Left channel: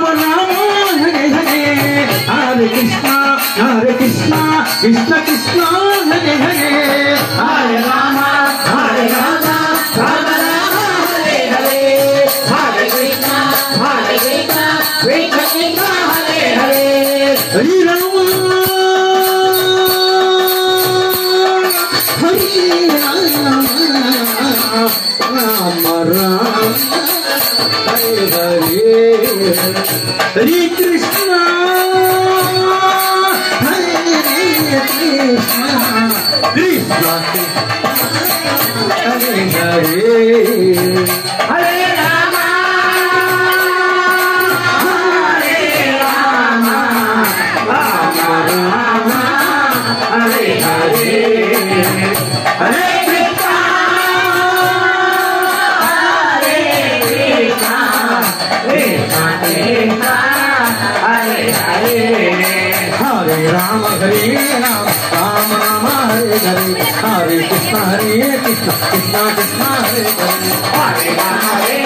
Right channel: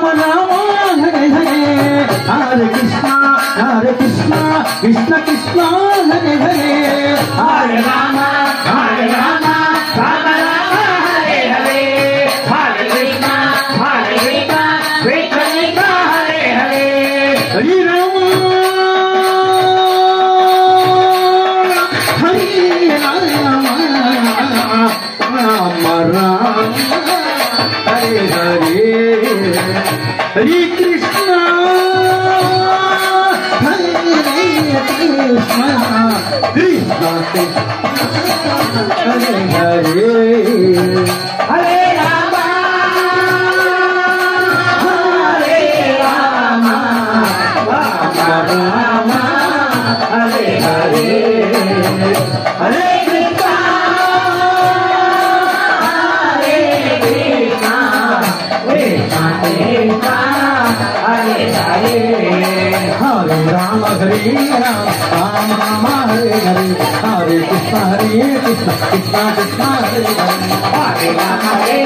Ram Ram Hare Hare Hare Krishna Krishna Krishna Hare Hare Hare Ram Ram Ram Hare Hare Hare Krishna Krishna Hare Hare Hare Ram Hare Krishna Krishna Hare Hare Hare Ram Ram Hare Hare Hare Krishna Hare Hare Hare Ram Ram Ram Hare Hare Hare Krishna Krishna Krishna Hare Hare Hare Ram Hare